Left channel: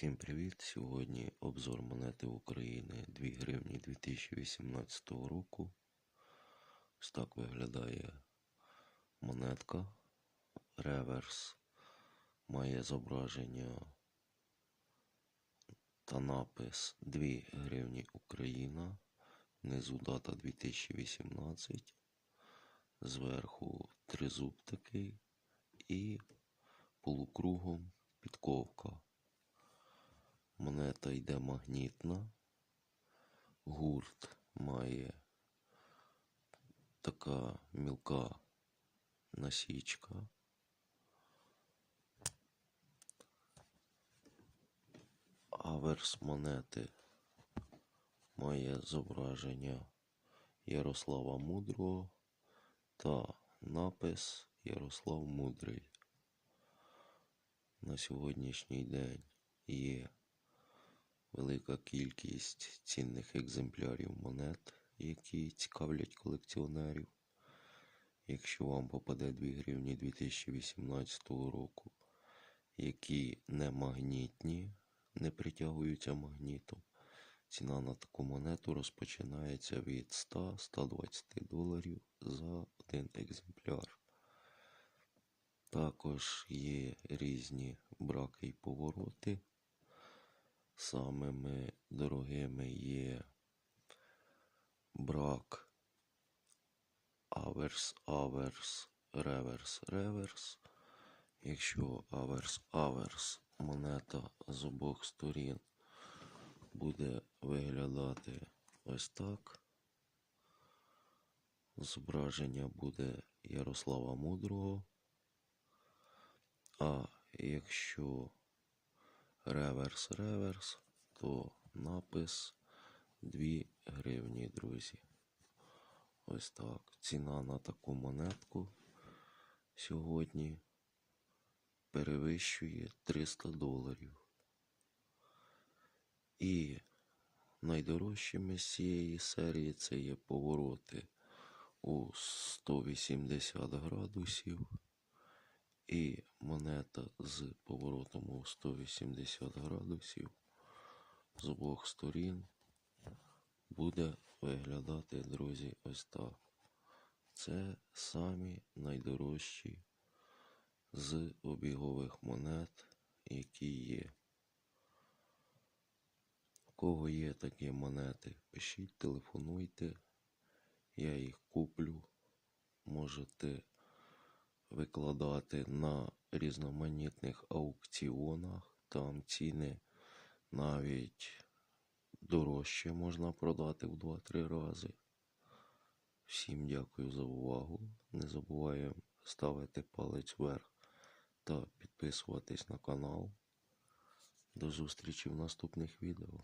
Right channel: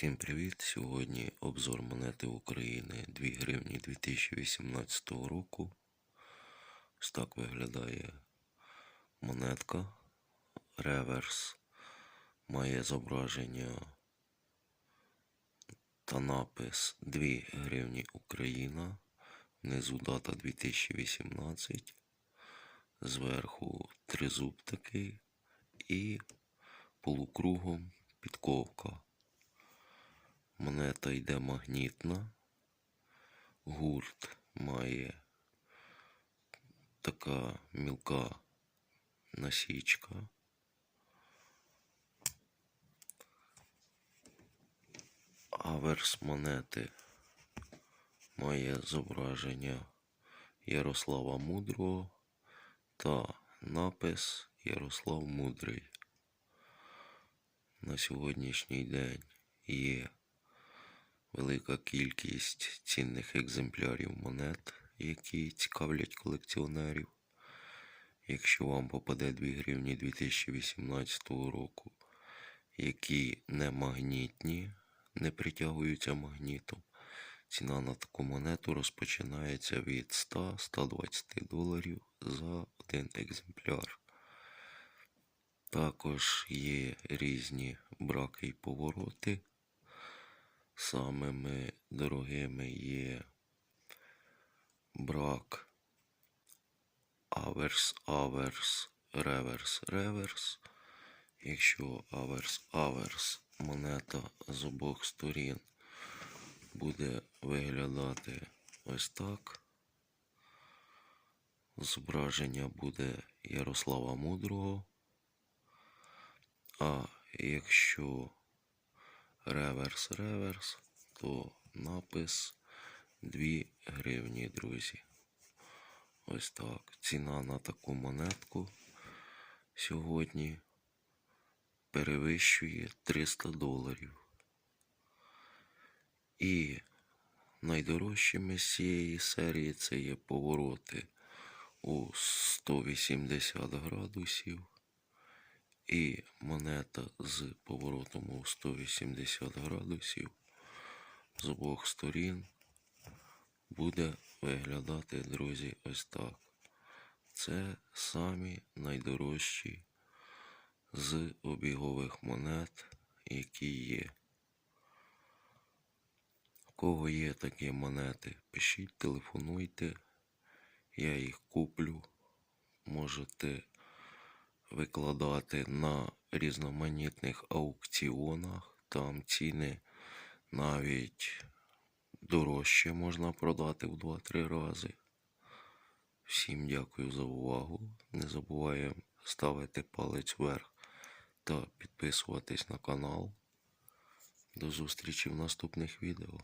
Всім привіт! Сьогодні обзор монети України 2 гривні 2018 року. Ось так виглядає монетка. Реверс має зображення та напис 2 гривні Україна. Внизу дата 2018. Зверху тризуб такий і полукругом підковка. Монета йде магнітна. Гурт має така мілка насічка. Аверс монети має зображення Ярослава Мудрого та напис Ярослав Мудрий. На сьогоднішній день є велика кількість цінних екземплярів монет, які цікавлять колекціонерів. Якщо вам попаде 2 гривні 2018 року, які не магнітні, не притягуються магнітом, ціна на таку монету розпочинається від 100-120 доларів за один екземпляр. Також є різні браки і повороти. Самими дорогими є брак аверс, аверс, реверс, реверс. Якщо аверс, аверс, монета з обох сторін буде виглядати ось так. Зображення буде Ярослава Мудрого. А якщо реверс, реверс, то напис 2 гривні, друзі. Ось так. Ціна на таку монетку сьогодні перевищує 300 доларів. І найдорожчими з цієї серії це є повороти у 180 градусів. І монета з поворотом у 180 градусів з обох сторін буде виглядати, друзі, ось так. Це самі найдорожчі з обігових монет, які є. У кого є такі монети, пишіть, телефонуйте, я їх куплю. Можете викладати на різноманітних аукціонах. Там ціни навіть дорожче можна продати в 2-3 рази. Всім дякую за увагу. Не забуваємо ставити палець вверх та підписуватись на канал. До зустрічі в наступних відео.